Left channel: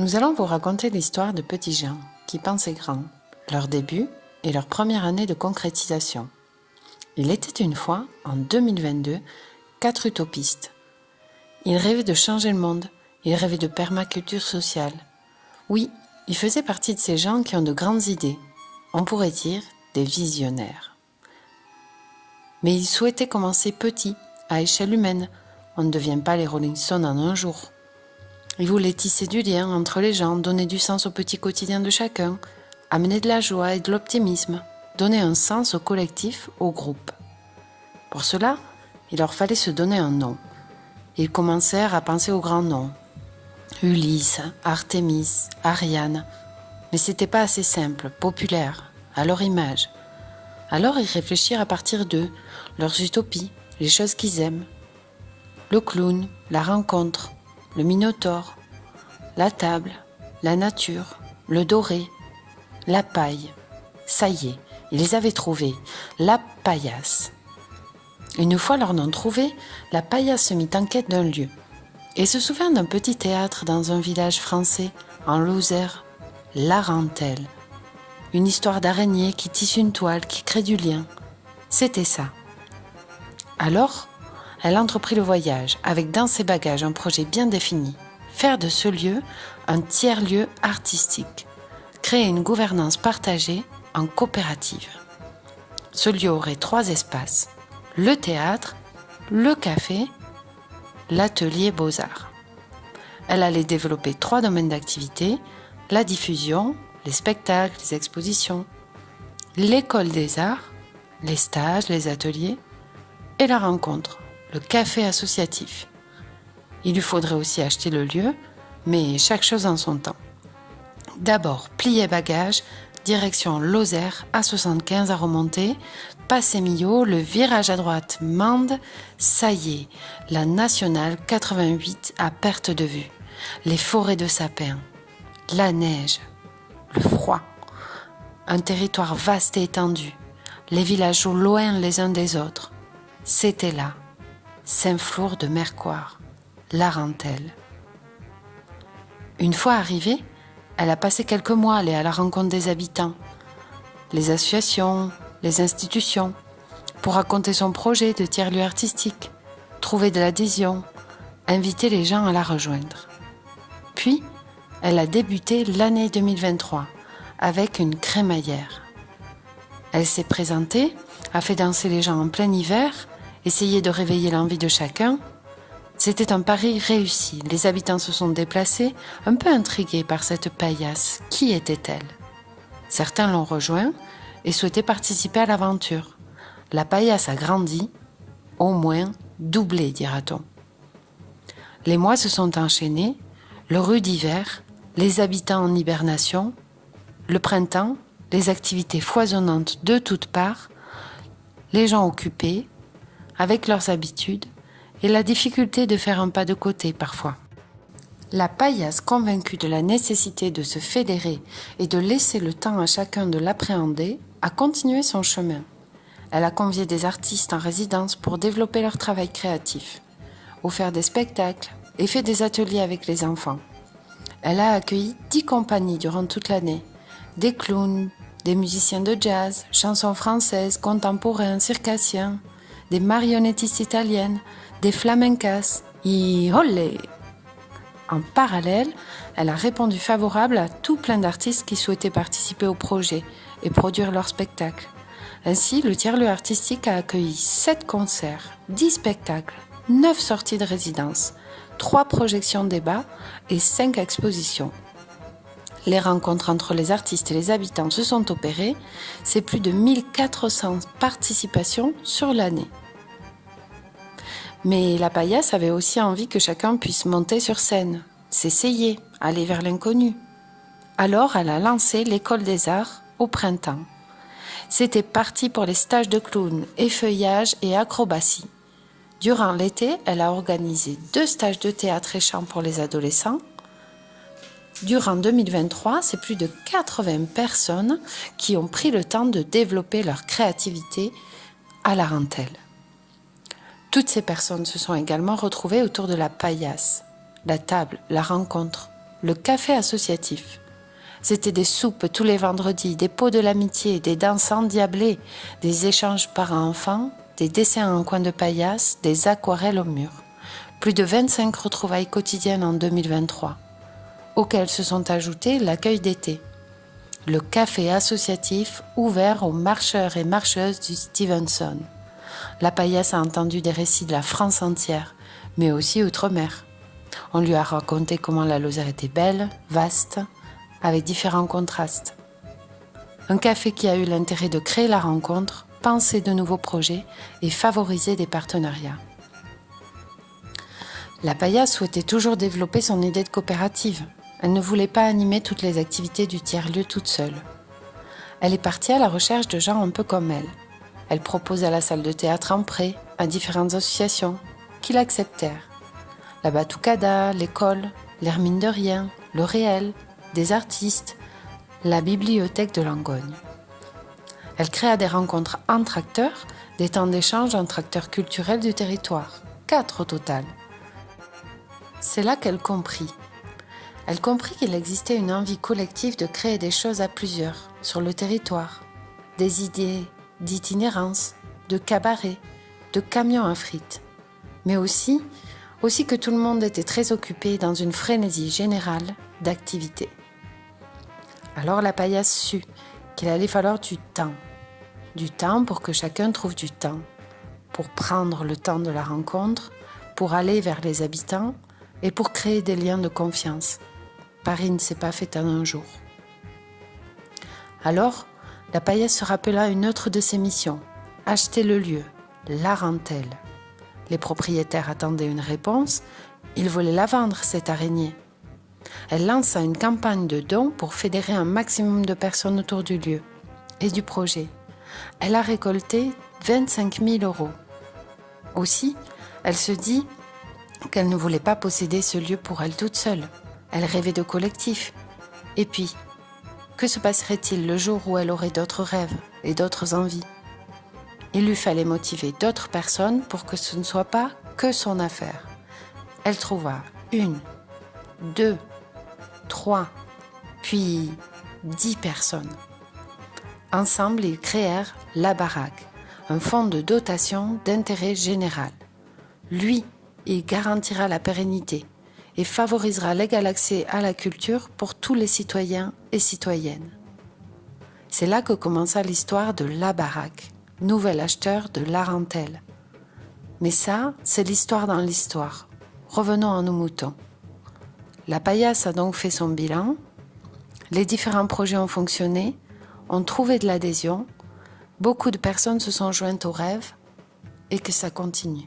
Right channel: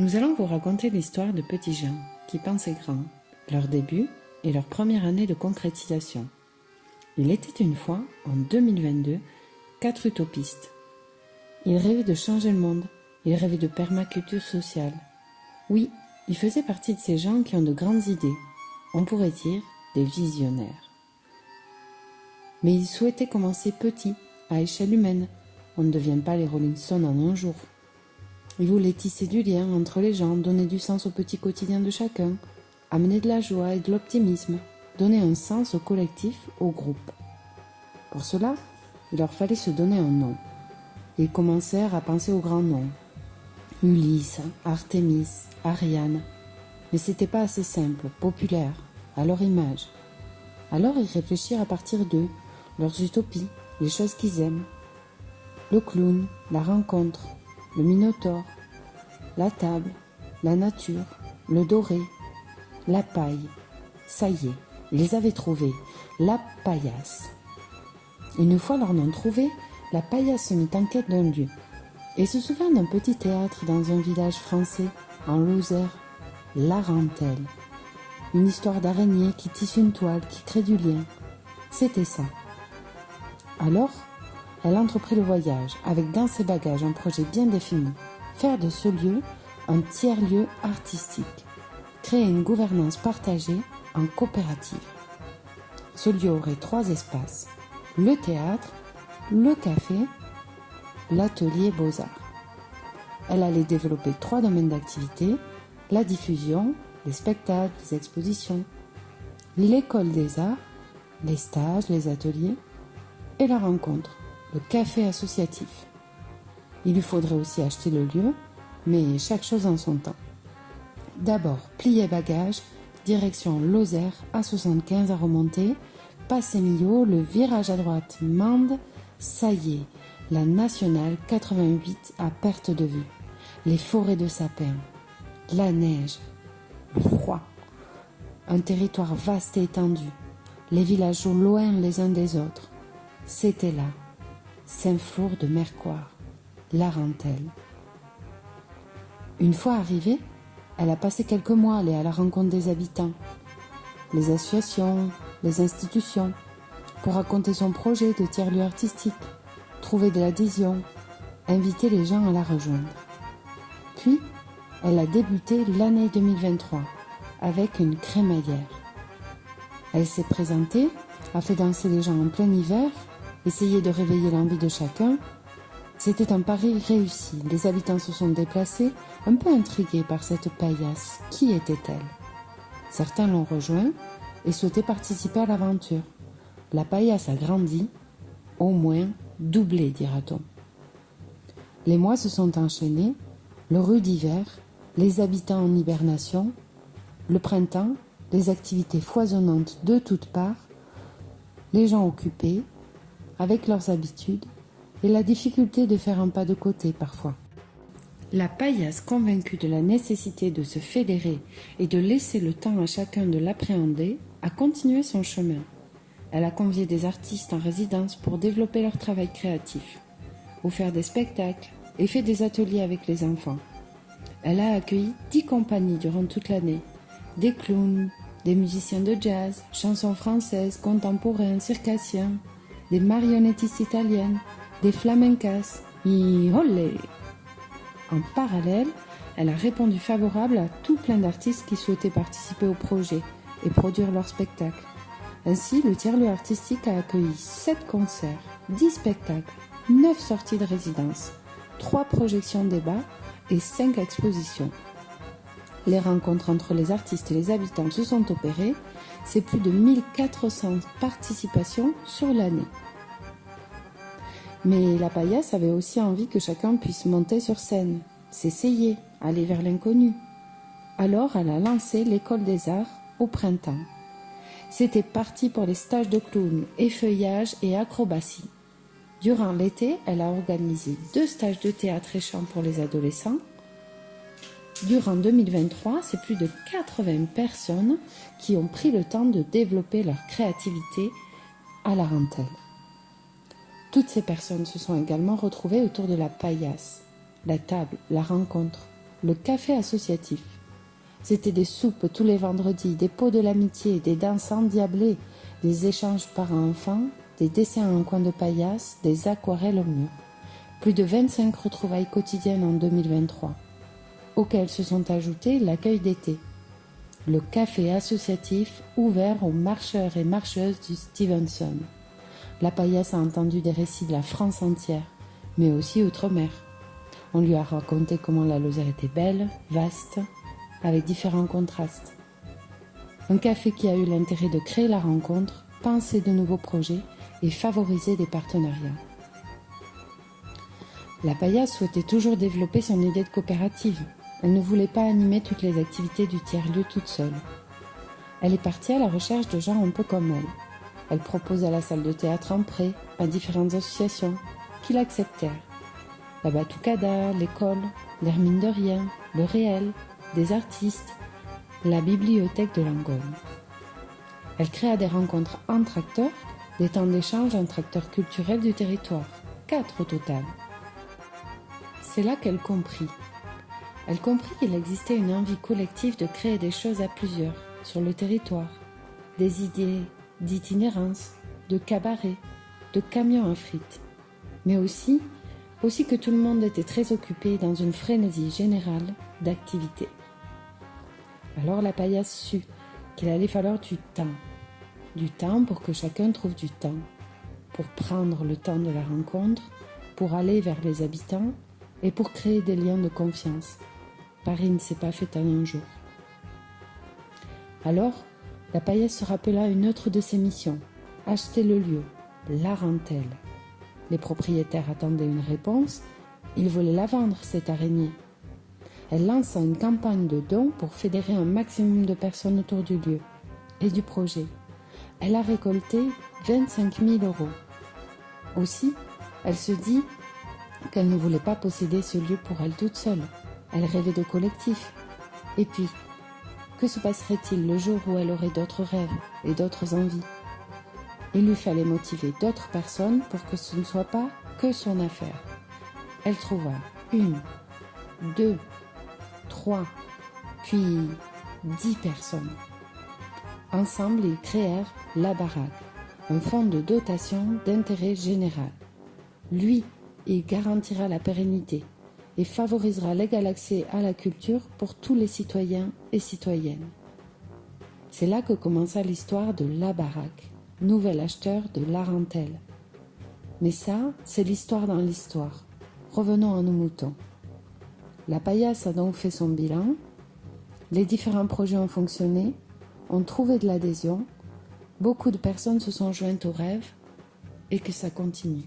Nous allons vous raconter l'histoire de petits gens qui pensaient grand, leur début et leur première année de concrétisation. Il était une fois, en 2022, 4 utopistes. Ils rêvaient de changer le monde, ils rêvaient de permaculture sociale. Oui, ils faisaient partie de ces gens qui ont de grandes idées, on pourrait dire des visionnaires. Mais ils souhaitaient commencer petit, à échelle humaine. On ne devient pas les Rolling Stones en un jour. Ils voulaient tisser du lien entre les gens, donner du sens au petit quotidien de chacun, amener de la joie et de l'optimisme, donner un sens au collectif, au groupe. Pour cela, il leur fallait se donner un nom. Ils commencèrent à penser aux grands noms. Ulysse, Artémis, Ariane. Mais c'était pas assez simple, populaire, à leur image. Alors ils réfléchirent à partir d'eux, leurs utopies, les choses qu'ils aiment. Le clown, la rencontre, le minotaure, la table, la nature, le doré, la paille. Ça y est, ils avaient trouvé la paillasse. Une fois leur nom trouvé, la paillasse se mit en quête d'un lieu et se souvint d'un petit théâtre dans un village français, en Lozère, Larentelle. Une histoire d'araignée qui tisse une toile, qui crée du lien. C'était ça. Alors, elle entreprit le voyage, avec dans ses bagages un projet bien défini. Faire de ce lieu un tiers-lieu artistique. Créer une gouvernance partagée en coopérative. Ce lieu aurait 3 espaces. Le théâtre, le café, l'atelier Beaux-Arts. Elle allait développer 3 domaines d'activité, la diffusion, les spectacles, les expositions, l'école des arts, les stages, les ateliers et la rencontre, le café associatif. Il lui faudrait aussi acheter le lieu, mais chaque chose en son temps. D'abord, plier bagages, direction Lozère, A75 à remonter, passer Millau, le virage à droite, Mende, ça y est, la nationale 88 à perte de vue, les forêts de sapins, la neige, le froid, un territoire vaste et étendu, les villages loin les uns des autres. C'était là, Saint-Flour de Mercoire, Larentelle. Une fois arrivée, elle a passé quelques mois à aller à la rencontre des habitants, les associations, les institutions, pour raconter son projet de tiers-lieu artistique, trouver de l'adhésion, inviter les gens à la rejoindre. Puis, elle a débuté l'année 2023 avec une crémaillère. Elle s'est présentée, a fait danser les gens en plein hiver, essayé de réveiller l'envie de chacun. C'était un pari réussi. Les habitants se sont déplacés, un peu intrigués par cette paillasse. Qui était-elle ? Certains l'ont rejoint et souhaitaient participer à l'aventure. La paillasse a grandi, au moins doublé, dira-t-on. Les mois se sont enchaînés, le rude hiver, les habitants en hibernation, le printemps, les activités foisonnantes de toutes parts, les gens occupés, avec leurs habitudes, et la difficulté de faire un pas de côté parfois. La paillasse, convaincue de la nécessité de se fédérer et de laisser le temps à chacun de l'appréhender, a continué son chemin. Elle a convié des artistes en résidence pour développer leur travail créatif, offert des spectacles et fait des ateliers avec les enfants. Elle a accueilli 10 compagnies durant toute l'année, des clowns, des musiciens de jazz, chansons françaises, contemporains, circassiens, des marionnettistes italiennes, des flamencas, olé. En parallèle, elle a répondu favorable à tout plein d'artistes qui souhaitaient participer au projet et produire leurs spectacles. Ainsi, le tiers-lieu artistique a accueilli 7 concerts, 10 spectacles, 9 sorties de résidence, 3 projections débats et 5 expositions. Les rencontres entre les artistes et les habitants se sont opérées, c'est plus de 1400 participations sur l'année. Mais la paillasse avait aussi envie que chacun puisse monter sur scène, s'essayer, aller vers l'inconnu. Alors elle a lancé l'école des arts au printemps. C'était parti pour les stages de clown, effeuillage et acrobatie. Durant l'été, elle a organisé 2 stages de théâtre et chant pour les adolescents. Durant 2023, c'est plus de 80 personnes qui ont pris le temps de développer leur créativité à Larentelle. Toutes ces personnes se sont également retrouvées autour de la paillasse, la table, la rencontre, le café associatif. C'était des soupes tous les vendredis, des pots de l'amitié, des danses endiablées, des échanges parents-enfants, des dessins en coin de paillasse, des aquarelles au mur. Plus de 25 retrouvailles quotidiennes en 2023, auxquelles se sont ajoutés l'accueil d'été. Le café associatif ouvert aux marcheurs et marcheuses du Stevenson. La paillasse a entendu des récits de la France entière, mais aussi outre-mer. On lui a raconté comment la Lozère était belle, vaste, avec différents contrastes. Un café qui a eu l'intérêt de créer la rencontre, penser de nouveaux projets et favoriser des partenariats. La paillasse souhaitait toujours développer son idée de coopérative. Elle ne voulait pas animer toutes les activités du tiers-lieu toute seule. Elle est partie à la recherche de gens un peu comme elle. Elle propose à la salle de théâtre en prêt à différentes associations qui l'acceptèrent. La Batucada, l'école, l'Air mine de rien, le réel, des artistes, la bibliothèque de Langogne. Elle créa des rencontres entre acteurs, des temps d'échange entre acteurs culturels du territoire, 4 au total. C'est là qu'elle comprit. Elle comprit qu'il existait une envie collective de créer des choses à plusieurs, sur le territoire, des idées d'itinérance, de cabaret, de camions à frites, mais aussi que tout le monde était très occupé dans une frénésie générale d'activités. Alors la paillasse sut qu'il allait falloir du temps pour que chacun trouve du temps, pour prendre le temps de la rencontre, pour aller vers les habitants et pour créer des liens de confiance. Paris ne s'est pas fait en un jour. Alors, la paillasse se rappela une autre de ses missions, acheter le lieu, la rentelle. Les propriétaires attendaient une réponse, ils voulaient la vendre, cette araignée. Elle lança une campagne de dons pour fédérer un maximum de personnes autour du lieu et du projet. Elle a récolté 25 000 €. Aussi, elle se dit qu'elle ne voulait pas posséder ce lieu pour elle toute seule. Elle rêvait de collectif. Et puis, que se passerait-il le jour où elle aurait d'autres rêves et d'autres envies ? Il lui fallait motiver d'autres personnes pour que ce ne soit pas que son affaire. Elle trouva 1, 2, 3, puis 10 personnes. Ensemble, ils créèrent La Baraque, un fonds de dotation d'intérêt général. Lui, il garantira la pérennité et favorisera l'égal accès à la culture pour tous les citoyens et citoyennes. C'est là que commença l'histoire de La Baraque, nouvel acheteur de La Rentelle. Mais ça, c'est l'histoire dans l'histoire. Revenons à nos moutons. La paillasse a donc fait son bilan, les différents projets ont fonctionné, ont trouvé de l'adhésion, beaucoup de personnes se sont jointes au rêve et que ça continue.